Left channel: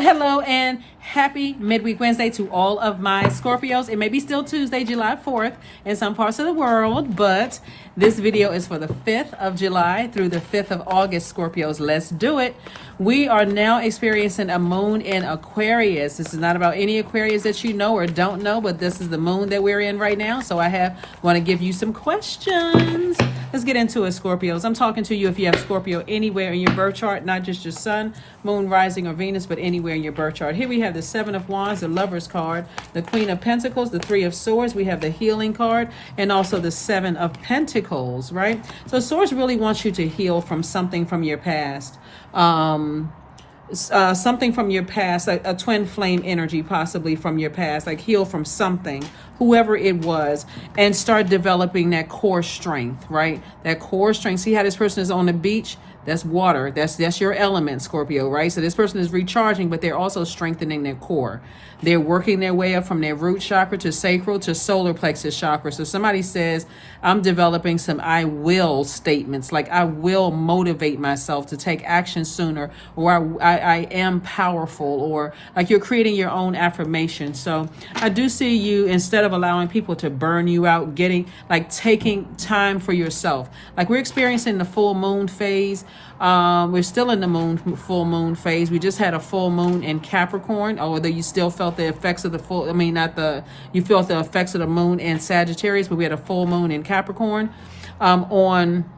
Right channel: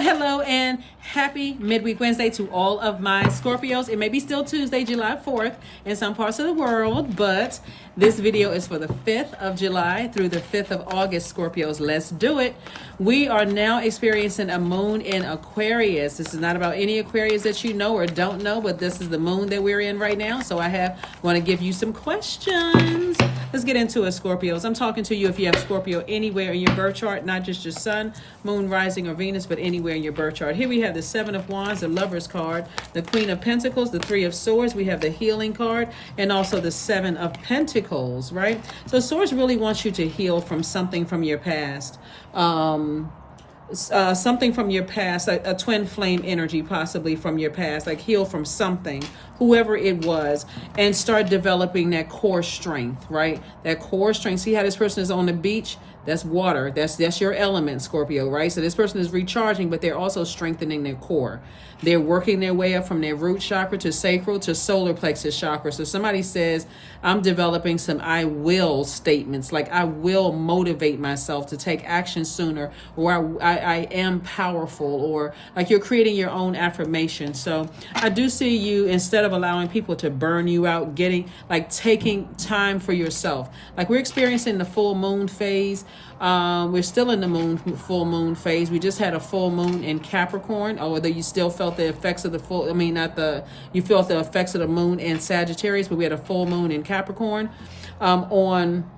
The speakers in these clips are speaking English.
Hello and happy midweek Wednesday to all of my Scorpios. It may be still Tuesday, July 4th in some parts of the world, but this video is for the 5th of July through the 5th of August, Scorpios. Let's do it. We are now experiencing a moon in Aquarius. This is not about any Aquarius that you know or don't know, but this is the moon that we're in right now. So I want to give you some questions. Let's get into it, Scorpios. I'm talking to you if you have Scorpio anywhere in your birth chart, not just your sun, moon, rising, or Venus, but anywhere in your birth chart. Here we have the Seven of Wands, the Lover's card, the Queen of Pentacles, the Three of Swords. We have the Healing card, and also the Seven of Pentacles, right? So Swords really wants you to heal from something from your past. Something from your past, a twin flame energy possibly from your past, like heal from something, whoever it was, and start developing that core strength, right? That core strength. See how this person is on the beach? That's water. That's your element, Scorpio, right? So this person is recharging, but they're also strengthening their core. They're working their way up from their root chakra to sacral to solar plexus chakra. So somebody says, I'm developing some I will statements, like I will motivate myself to take action sooner, or I am powerful, or like you're creating your own affirmation. So I do see you, instead of allowing people to burn you out, taking time for yourself. Like we're experiencing the full moon phase. We're still in the full moon phase. We just had a full moon in Capricorn, although you still felt the effects of you felt the effects of the moon in Sagittarius, but we had a full moon in Capricorn on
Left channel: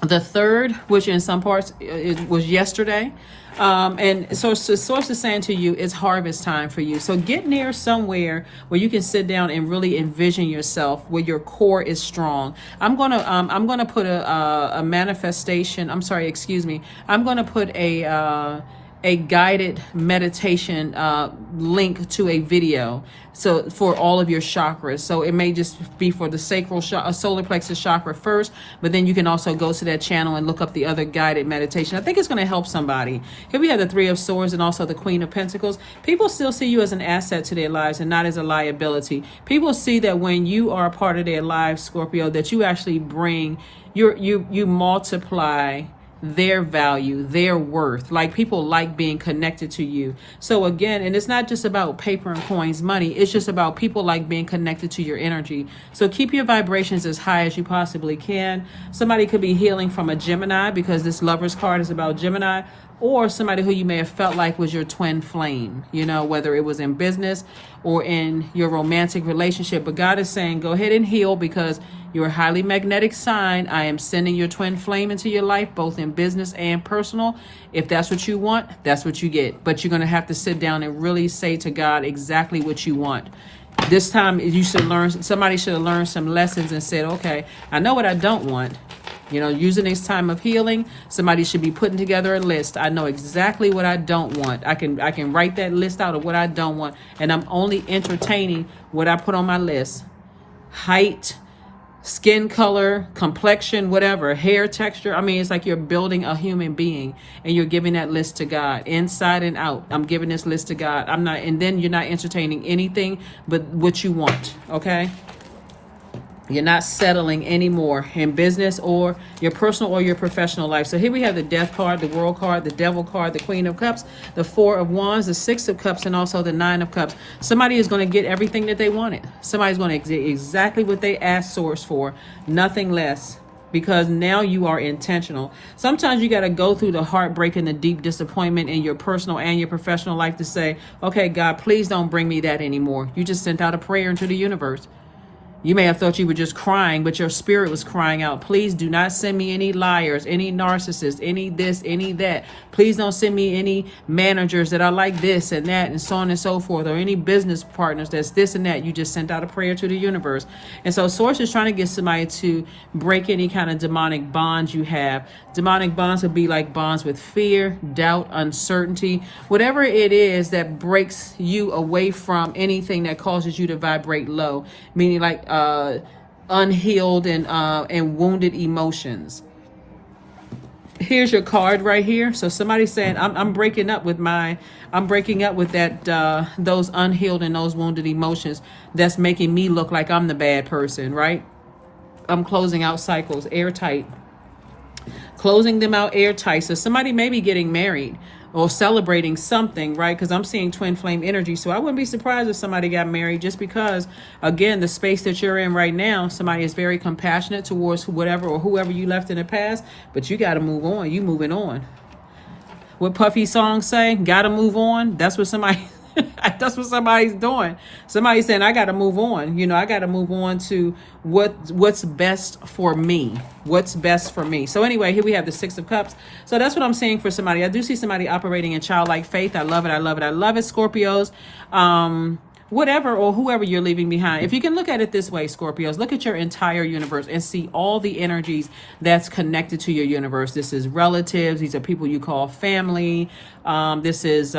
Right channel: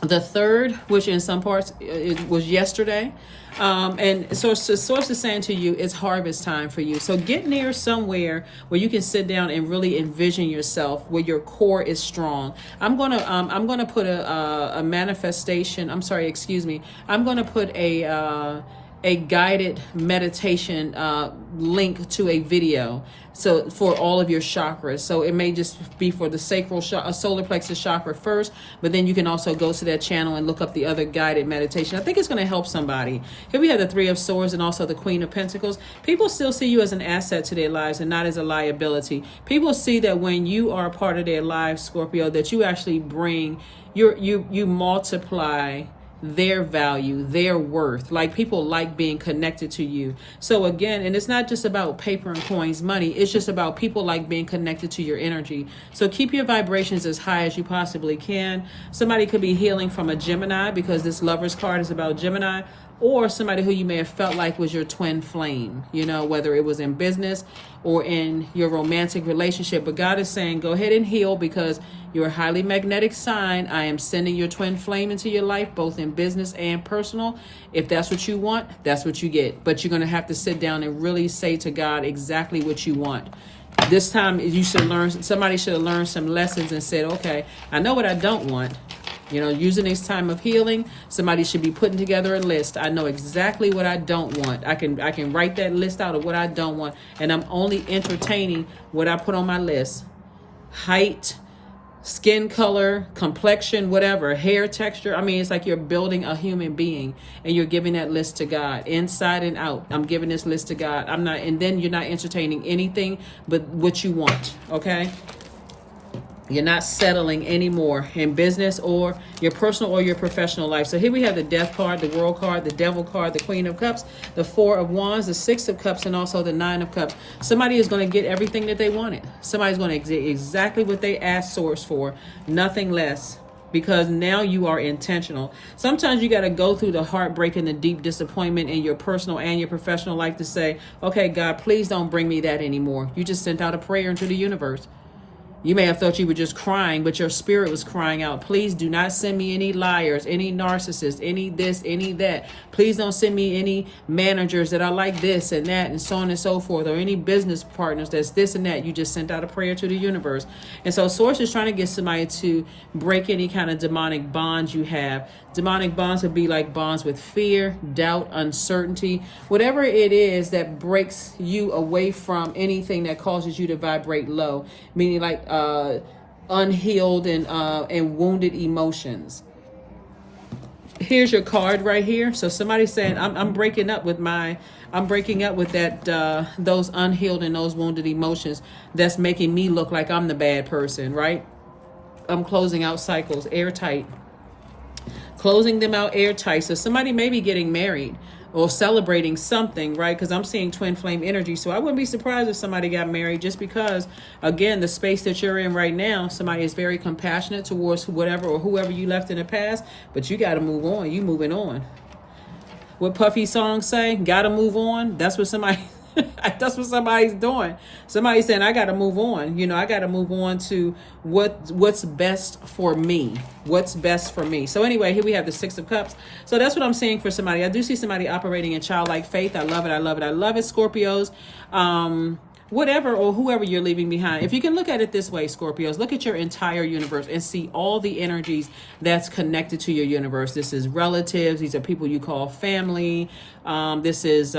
the 3rd, which in some parts it was yesterday. And so the source is saying to you, it's harvest time for you. So get near somewhere where you can sit down and really envision yourself, where your core is strong. I'm gonna put a manifestation. I'm gonna put a guided meditation link to a video, so for all of your chakras. So it may just be for the sacral solar plexus chakra first, but then you can also go to that channel and look up the other guided meditation. I think it's going to help somebody. Here we have the Three of Swords and also the Queen of Pentacles. People still see you as an asset to their lives and not as a liability. People see that when you are a part of their lives, Scorpio, that you actually bring you multiply their value, their worth. Like people like being connected to you. So again, and it's not just about paper and coins, money. It's just about people like being connected to your energy. So keep your vibrations as high as you possibly can. Somebody could be healing from a Gemini, because this Lover's card is about Gemini, or somebody who you may have felt like was your twin flame, whether it was in business or in your romantic relationship. But God is saying, go ahead and heal, because you're a highly magnetic sign. I am sending your twin flame into your life, both in business and personal. If that's what you want, that's what you get. But you're going to have to sit down and really say to God exactly what you want. This time somebody should have learned some lessons and said, okay, I know what I don't want. Using this time of healing, somebody should be putting together a list. I know exactly what I don't want. I can write that list out of what I don't want, and I'm only entertaining what I put on my list. Height, skin color, complexion, whatever, hair texture. It's like you're building a human being, and you're giving that list to God, inside and out. I'm giving this list to God. And then you're not entertaining anything but what you want, okay? You're not settling anymore in business or your personal or your professional life. So here we have the Death card, the World card, the Devil card, the Queen of Cups, the Four of Wands, the Six of Cups, and also the Nine of Cups. Somebody is going to get everything that they wanted. Somebody's going to get exactly what they asked Source for, nothing less, because now you are intentional. Sometimes you got to go through the heartbreak and the deep disappointment in your personal and your professional life to say, okay, God, please don't bring me that anymore. You just sent out a prayer into the universe. You may have thought you were just crying, but your spirit was crying out. Please do not send me any liars, any narcissists, any this, any that. Please don't send me any managers that are like this and that and so on and so forth, or any business partners that's this and that. You just sent out a prayer to the universe. And so Source is trying to get somebody to break any kind of demonic bonds you have. Demonic bonds would be like bonds with fear, doubt, uncertainty, whatever it is that breaks you away from anything that causes you to vibrate low, meaning like unhealed and wounded emotions. Here's your card right here. So somebody's saying, I'm breaking up with that those unhealed and those wounded emotions that's making me look like I'm the bad person, right? I'm closing out cycles airtight. Closing them out airtight. So somebody may be getting married. or celebrating something, right? Because I'm seeing twin flame energy. So I wouldn't be surprised if somebody got married, just because, again, the space that you're in right now, somebody is very compassionate towards whatever or whoever you left in the past, but you got to move on. You moving on. What Puffy songs say, gotta move on. That's what somebody that's what somebody's doing. Somebody's saying, I gotta move on. You know, I gotta move on to what's best for me. What's best for me. So anyway, here we have the Six of Cups. So that's what I'm saying for somebody. I do see somebody operating in childlike faith. I love it. I love it. I love it, Scorpios. Whatever or whoever you're leaving behind. If you can look at it this way, Scorpios, look at your entire universe and see all the energies that's connected to your universe. This is relatives. These are people you call family. This is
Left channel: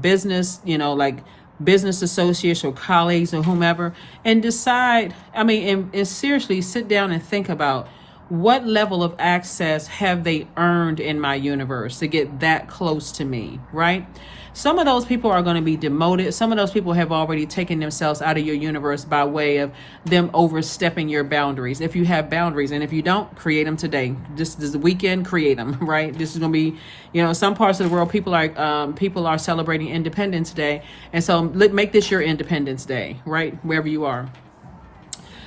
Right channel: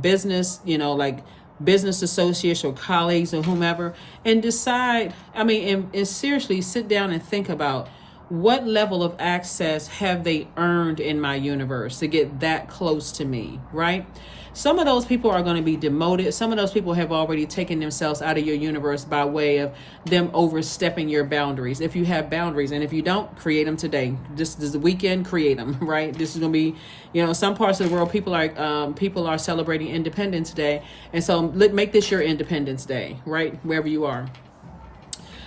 business, you know, like business associates or colleagues or whomever. And decide, and seriously sit down and think about, what level of access have they earned in my universe to get that close to me, right? Some of those people are going to be demoted. Some of those people have already taken themselves out of your universe by way of them overstepping your boundaries. If you have boundaries, and if you don't, create them today. Just this weekend, create them, right? This is going to be, you know, some parts of the world, people are celebrating Independence Day. And so make this your Independence Day, right? Wherever you are.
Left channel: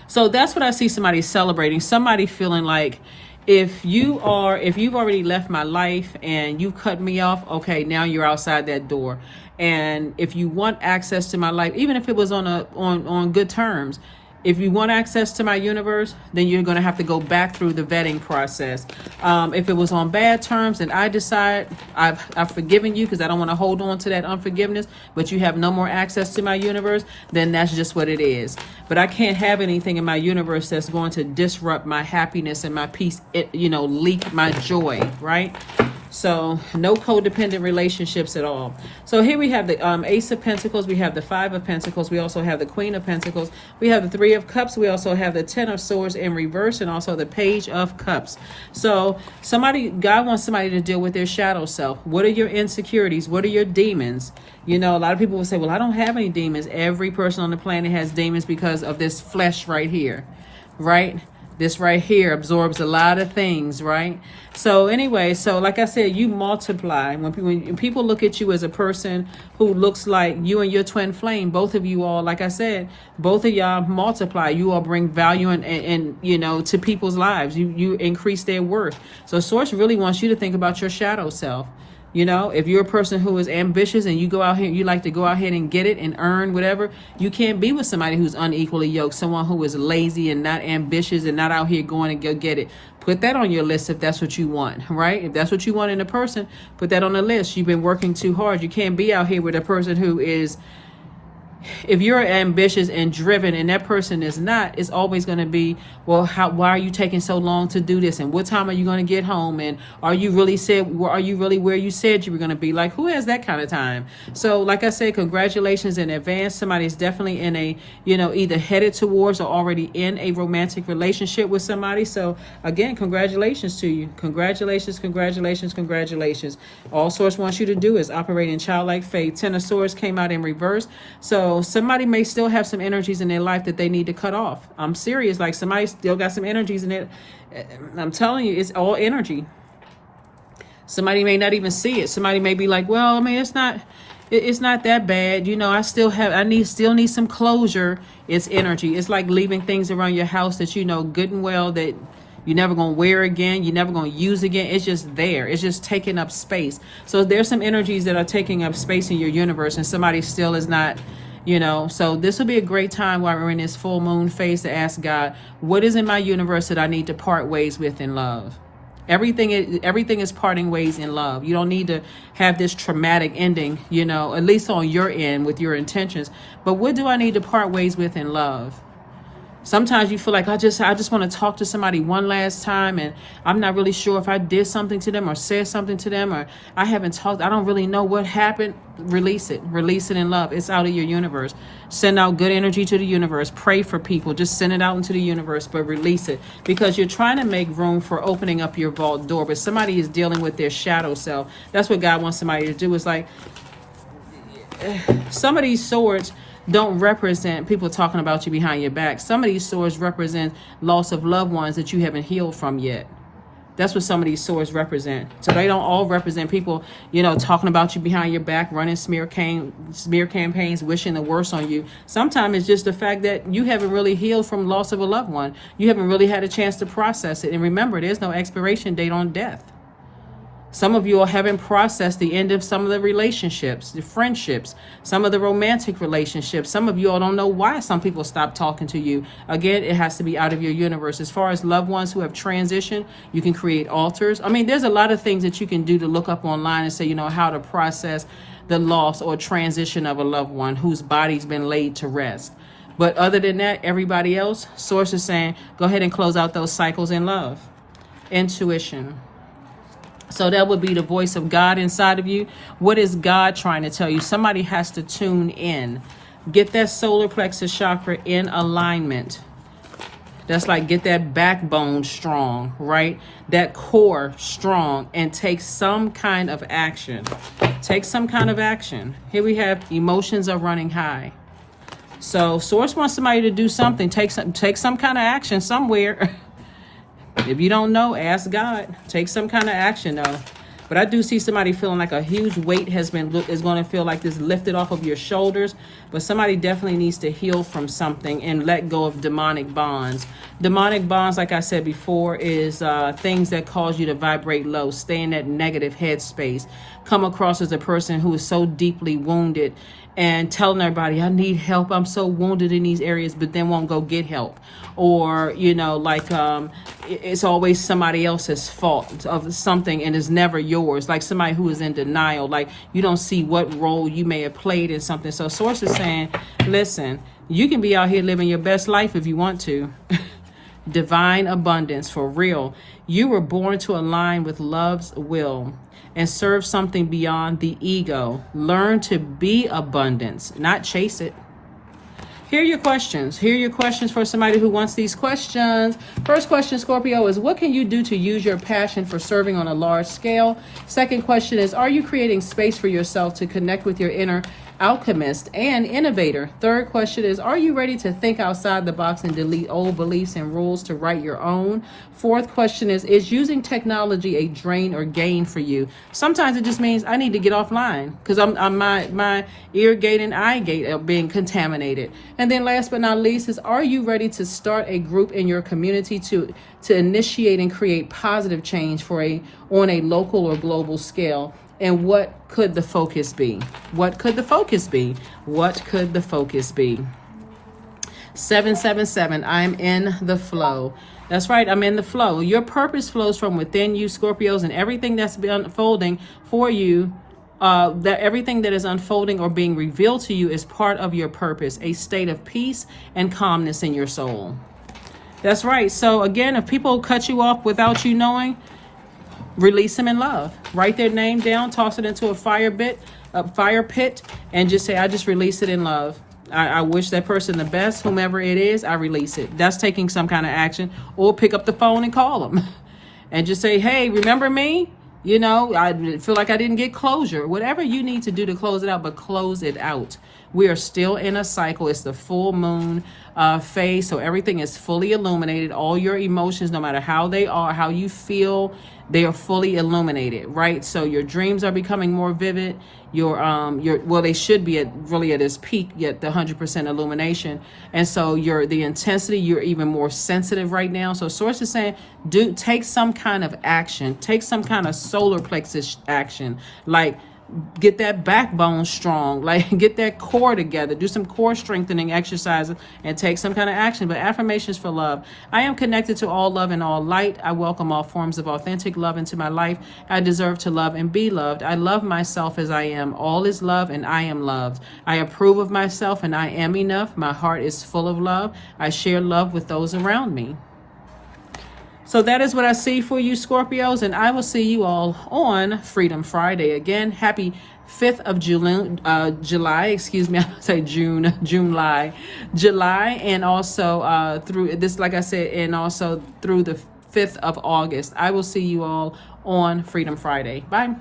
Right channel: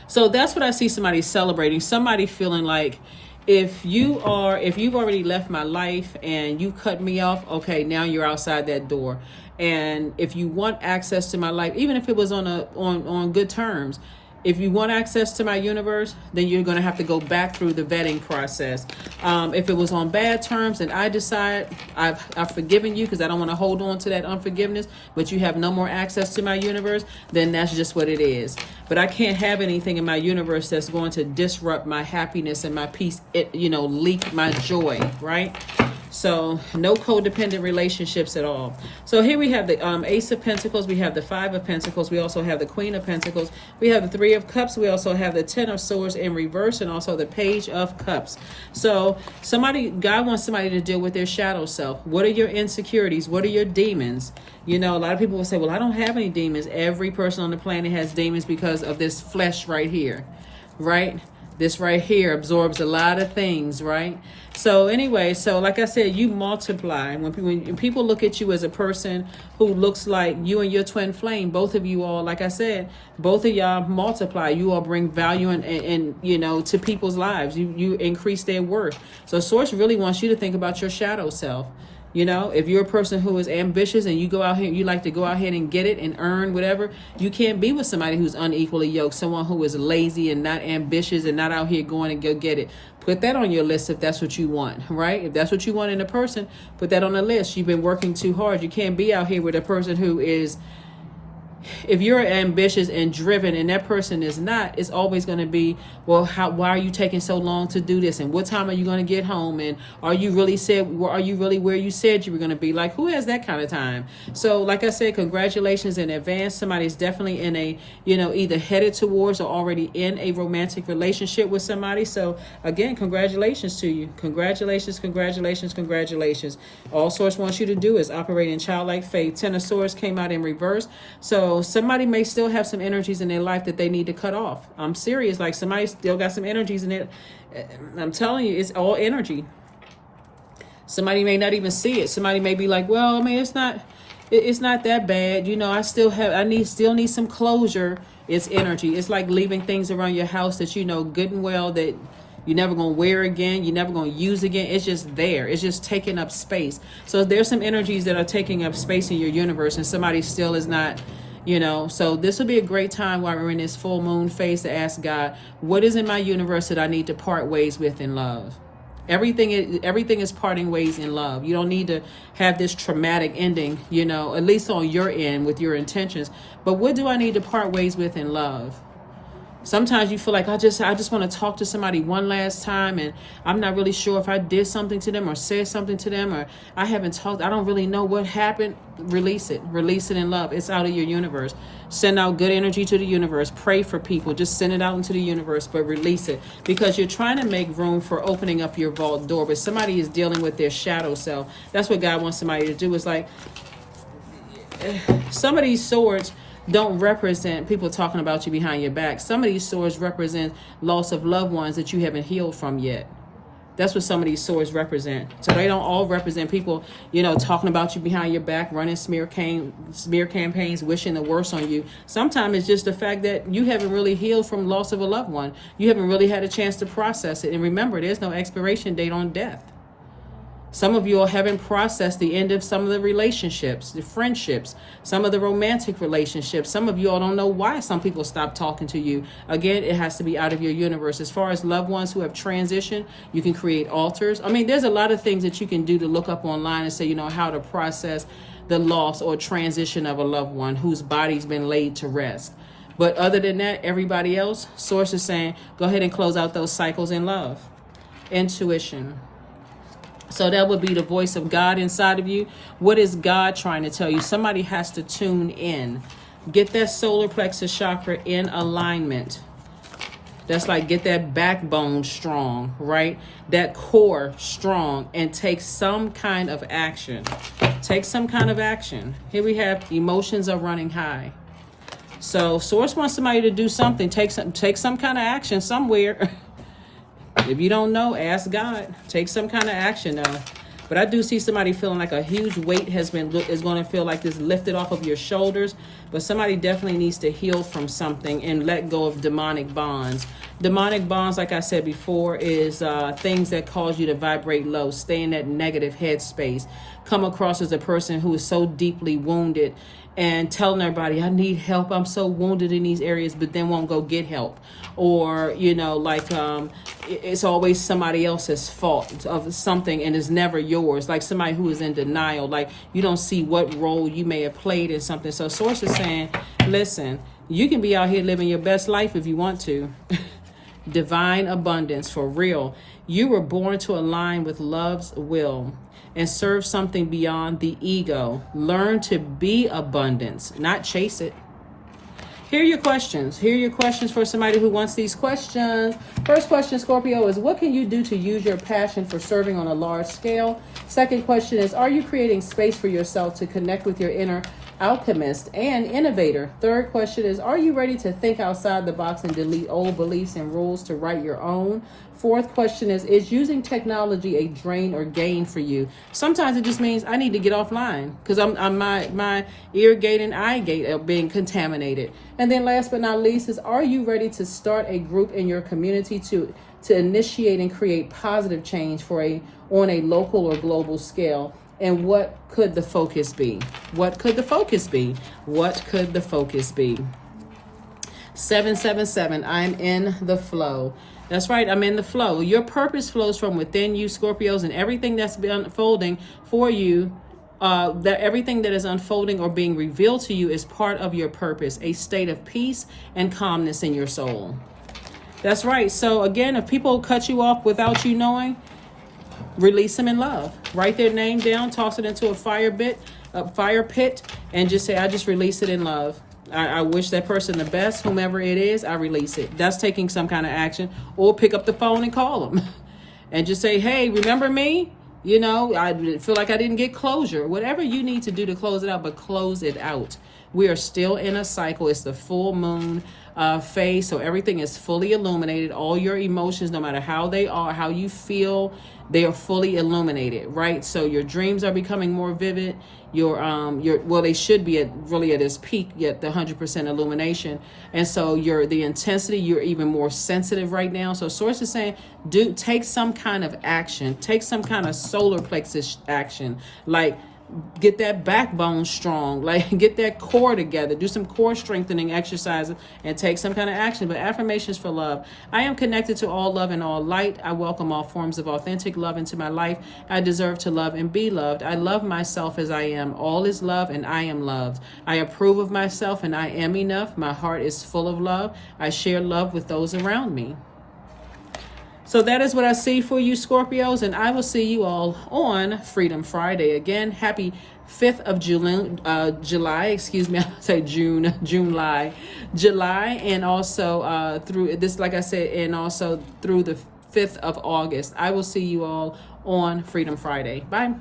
So that's what I see somebody celebrating. Somebody feeling like, if you've already left my life and you cut me off, okay, now you're outside that door. And if you want access to my life, even if it was on good terms, if you want access to my universe, then you're going to have to go back through the vetting process. If it was on bad terms and I decide I've forgiven you because I don't want to hold on to that unforgiveness, but you have no more access to my universe, then that's just what it is. But I can't have anything in my universe that's going to disrupt my happiness and my peace, leak my joy, right? So no codependent relationships at all. So here we have the Ace of Pentacles. We have the Five of Pentacles. We also have the Queen of Pentacles. We have the Three of Cups. We also have the Ten of Swords in reverse, and also the Page of Cups. So God wants somebody to deal with their shadow self. What are your insecurities? What are your demons? You know, a lot of people will say, well, I don't have any demons. Every person on the planet has demons because of this flesh right here, right? This right here absorbs a lot of things, right? So anyway, like I said, you multiply. When people look at you as a person who looks like you and your twin flame, both of you all, like I said, both of y'all multiply. You all bring value and to people's lives. You increase their worth. So Source really wants you to think about your shadow self. You know, if you're a person who is ambitious and you go out here, you like to go out here and get it and earn whatever, you can't be with somebody who's unequally yoked, someone who is lazy and not ambitious and not out here going and go get it. Put that on your list if that's what you want, right? If that's what you want in a person, put that on the list. You've been working too hard. You can't be out here with a person who is, if you're ambitious and driven and that person is not, it's always going to be, well, why are you taking so long to do this? And what time are you going to get home? And are you really where you said you were going to be? Like, who has that kind of time? So like I said, congratulations in advance. Somebody's definitely in a, either headed towards or already in a romantic relationship with somebody. So again, congratulations to you. Congratulations, congratulations, congratulations. All Source wants you to do is operate in childlike faith. Ten of Swords came out in reverse. So somebody may still have some energies in their life that they need to cut off. I'm serious. Like, somebody still got some energies in it. I'm telling you, it's all energy. Somebody may not even see it. Somebody may be like, well, I mean, it's not that bad. I still need some closure. It's energy. It's like leaving things around your house that you know good and well that you're never going to wear again. You're never going to use again. It's just there. It's just taking up space. So there's some energies that are taking up space in your universe, and somebody still is not. So this will be a great time while we're in this full moon phase to ask God, what is in my universe that I need to part ways with in love? Everything is parting ways in love. You don't need to have this traumatic ending, at least on your end with your intentions. But what do I need to part ways with in love? Sometimes you feel like I just want to talk to somebody one last time, and I'm not really sure if I did something to them or said something to them, or I haven't talked. I don't really know what happened. Release it in love. It's out of your universe. Send out good energy to the universe. Pray for people. Just send it out into the universe, but release it, because you're trying to make room for opening up your vault door. But somebody is dealing with their shadow self. That's what God wants somebody to do. Is like some of these swords don't represent people talking about you behind your back. Some of these swords represent loss of loved ones that you haven't healed from yet. That's what some of these swords represent. So they don't all represent people, talking about you behind your back, running smear campaigns, wishing the worst on you. Sometimes it's just the fact that you haven't really healed from loss of a loved one. You haven't really had a chance to process it. And remember, there's no expiration date on death. Some of you all haven't processed the end of some of the relationships, the friendships, some of the romantic relationships. Some of you all don't know why some people stop talking to you. Again, it has to be out of your universe. As far as loved ones who have transitioned, you can create altars. I mean, there's a lot of things that you can do to look up online and say, how to process the loss or transition of a loved one whose body's been laid to rest. But other than that, everybody else, Source is saying, go ahead and close out those cycles in love. Intuition. So that would be the voice of God inside of you. What is God trying to tell you? Somebody has to tune in. Get that solar plexus chakra in alignment. That's like get that backbone strong, right? That core strong, and take some kind of action. Take some kind of action. Here we have emotions are running high. So Source wants somebody to do something. Take some kind of action somewhere. If you don't know, ask God. Take some kind of action, though. But I do see somebody feeling like a huge weight is going to feel like this lifted off of your shoulders. But somebody definitely needs to heal from something and let go of demonic bonds. Demonic bonds, like I said before, is things that cause you to vibrate low, stay in that negative headspace, come across as a person who is so deeply wounded and telling everybody, I need help, I'm so wounded in these areas, but then won't go get help. Or, it's always somebody else's fault of something and it's never yours. Like somebody who is in denial, like you don't see what role you may have played in something. So Source is saying, listen, you can be out here living your best life if you want to. Divine abundance, for real. You were born to align with love's will and serve something beyond the ego. Learn to be abundance, not chase it. Here are your questions. Here are your questions for somebody who wants these questions. First question, Scorpio, is what can you do to use your passion for serving on a large scale? Second question is, are you creating space for yourself to connect with your inner alchemist and innovator? Third question is, are you ready to think outside the box and delete old beliefs and rules to write your own? Fourth question is using technology a drain or gain for you? Sometimes it just means I need to get offline because my ear gate and eye gate are being contaminated. And then last but not least is, are you ready to start a group in your community to initiate and create positive change on a local or global scale? And what could the focus be? What could the focus be? What could the focus be? 777, I'm in the flow. That's right, I'm in the flow. Your purpose flows from within you, Scorpios, and everything that's been unfolding for you, that everything that is unfolding or being revealed to you is part of your purpose, a state of peace and calmness in your soul. That's right. So again, if people cut you off without you knowing, release them in love. Write their name down, toss it into a fire pit, and just say, I just release it in love. I wish that person the best, whomever it is, I release it. That's taking some kind of action. Or pick up the phone and call them and just say, hey, remember me? I feel like I didn't get closure. Whatever you need to do to close it out, but close it out. We are still in a cycle. It's the full moon phase, so everything is fully illuminated. All your emotions, no matter how they are, how you feel, they are fully illuminated, right? So your dreams are becoming more vivid. They should be at its peak, yet the 100% illumination. And so the intensity, you're even more sensitive right now. So Source is saying, take some kind of action, take some kind of solar plexus action, like get that backbone strong, like get that core together, do some core strengthening exercises and take some kind of action. But affirmations for love. I am connected to all love and all light. I welcome all forms of authentic love into my life. I deserve to love and be loved. I love myself as I am. All is love and I am loved. I approve of myself and I am enough. My heart is full of love. I share love with those around me. So that is what I see for you, Scorpios, and I will see you all on Freedom Friday. Again, happy 5th of July, excuse me, I say July, and also through this, like I said, and also through the 5th of August. I will see you all on Freedom Friday. Bye.